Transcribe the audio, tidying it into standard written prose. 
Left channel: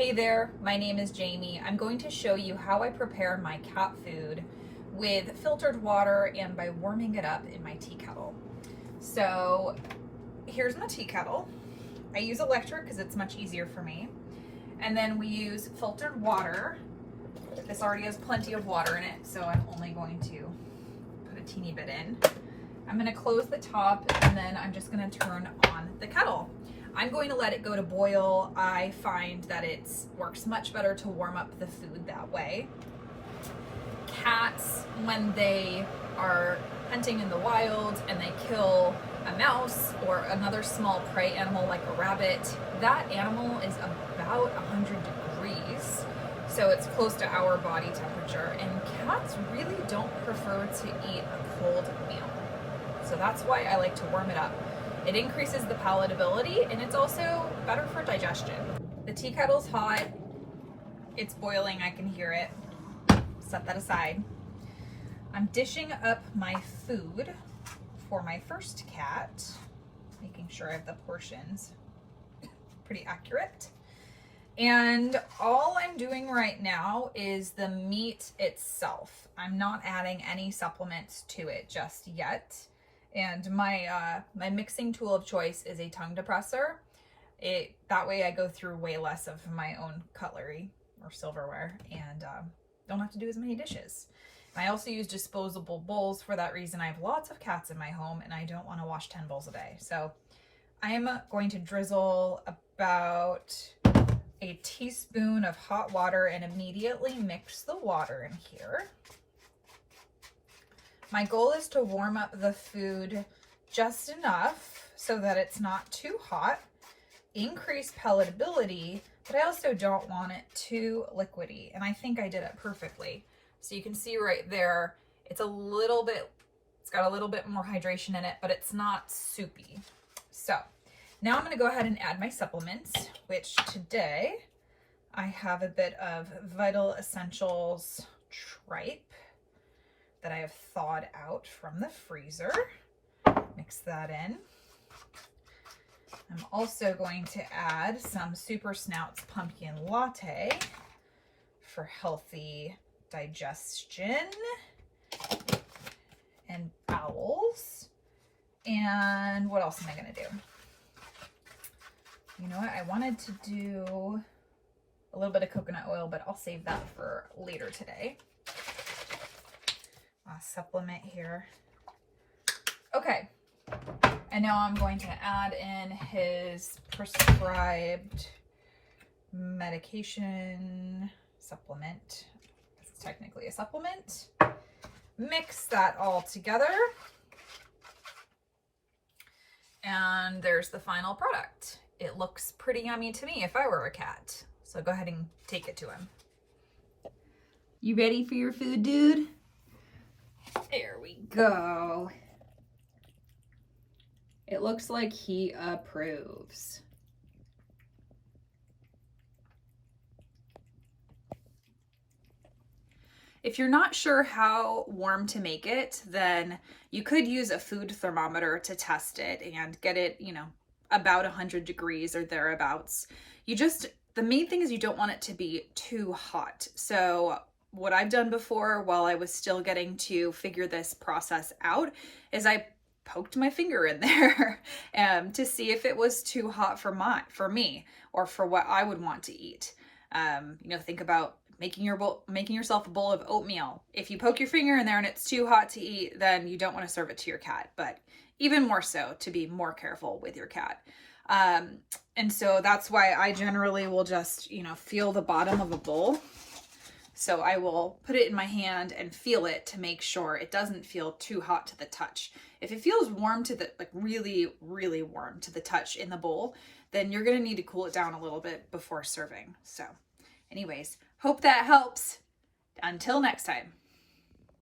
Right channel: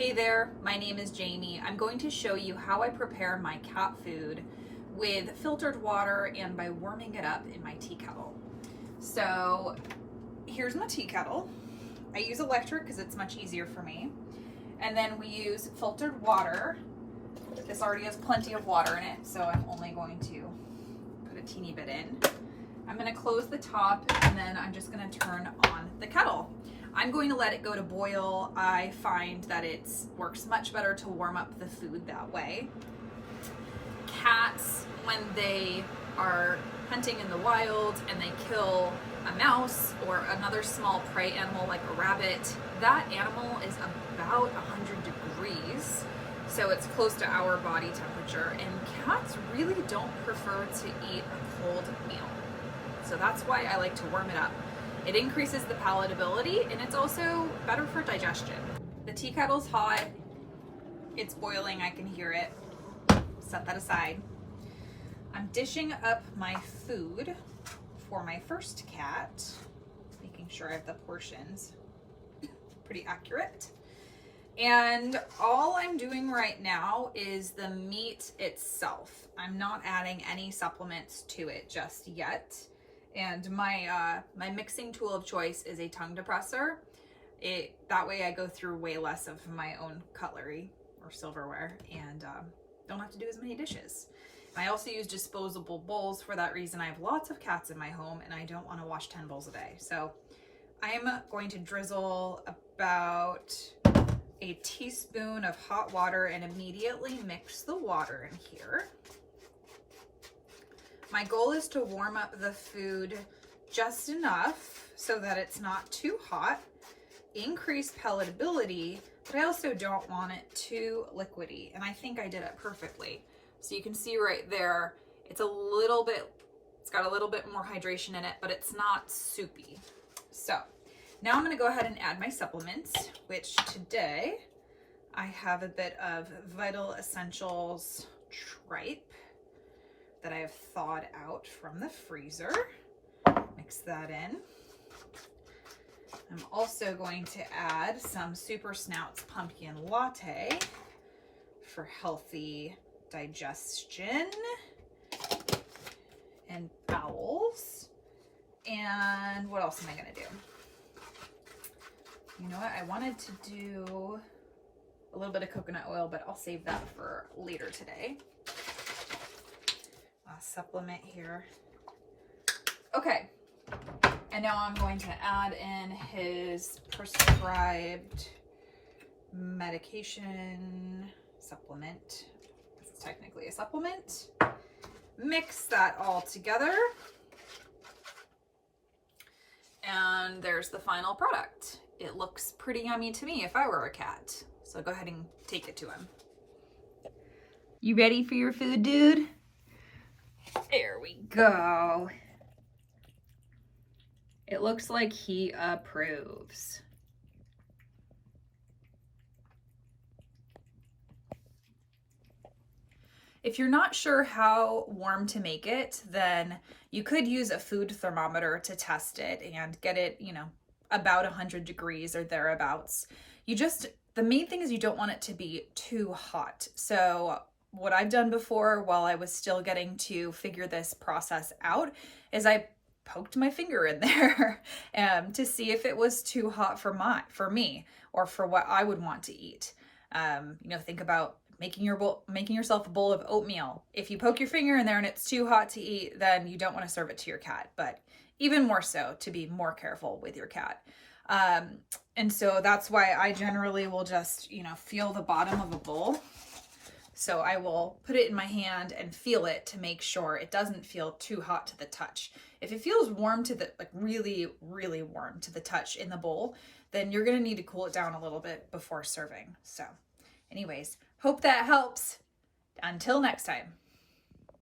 Hey there, my name is Jamie. I'm going to show you how I prepare my cat food with filtered water and by warming it up in my tea kettle. So here's my tea kettle. I use electric because it's much easier for me. And then we use filtered water. This already has plenty of water in it, so I'm only going to put a teeny bit in. I'm going to close the top and then I'm just going to turn on the kettle. I'm going to let it go to boil. I find that it works much better to warm up the food that way. Cats, when they are hunting in the wild and they kill a mouse or another small prey animal like a rabbit, that animal is about 100 degrees. So it's close to our body temperature, and cats really don't prefer to eat a cold meal. So that's why I like to warm it up. It increases the palatability and it's also better for digestion. The tea kettle's hot. It's boiling, I can hear it. Set that aside. I'm dishing up my food for my first cat, making sure I have the portions pretty accurate. And all I'm doing right now is the meat itself. I'm not adding any supplements to it just yet. And my mixing tool of choice is a tongue depressor. That way I go through way less of my own cutlery or silverware and don't have to do as many dishes. I also use disposable bowls for that reason. I have lots of cats in my home and I don't want to wash 10 bowls a day. So I am going to drizzle about a teaspoon of hot water and immediately mix the water in here. My goal is to warm up the food just enough so that it's not too hot, increase palatability, but I also don't want it too liquidy. And I think I did it perfectly. So you can see right there, it's got a little bit more hydration in it, but it's not soupy. So now I'm gonna go ahead and add my supplements, which today I have a bit of Vital Essentials tripe that I have thawed out from the freezer. Mix that in. I'm also going to add some Super Snouts pumpkin latte for healthy digestion and bowels. And what else am I gonna do? You know what? I wanted to do a little bit of coconut oil, but I'll save that for later today. Supplement here. Okay, and now I'm going to add in his prescribed medication supplement. It's technically a supplement. Mix that all together. And there's the final product. It looks pretty yummy to me if I were a cat. So go ahead and take it to him. You ready for your food, dude? There we go. It looks like he approves. If you're not sure how warm to make it, then you could use a food thermometer to test it and get it, about 100 degrees or thereabouts. The main thing is you don't want it to be too hot. So what I've done before while I was still getting to figure this process out is I poked my finger in there to see if it was too hot for me or for what I would want to eat. Think about making yourself a bowl of oatmeal. If you poke your finger in there and it's too hot to eat, then you don't want to serve it to your cat, but even more so to be more careful with your cat. And so that's why I generally will just, feel the bottom of a bowl. So I will put it in my hand and feel it to make sure it doesn't feel too hot to the touch. If it feels warm to the, really, really warm to the touch in the bowl, then you're gonna need to cool it down a little bit before serving. So anyways, hope that helps. Until next time.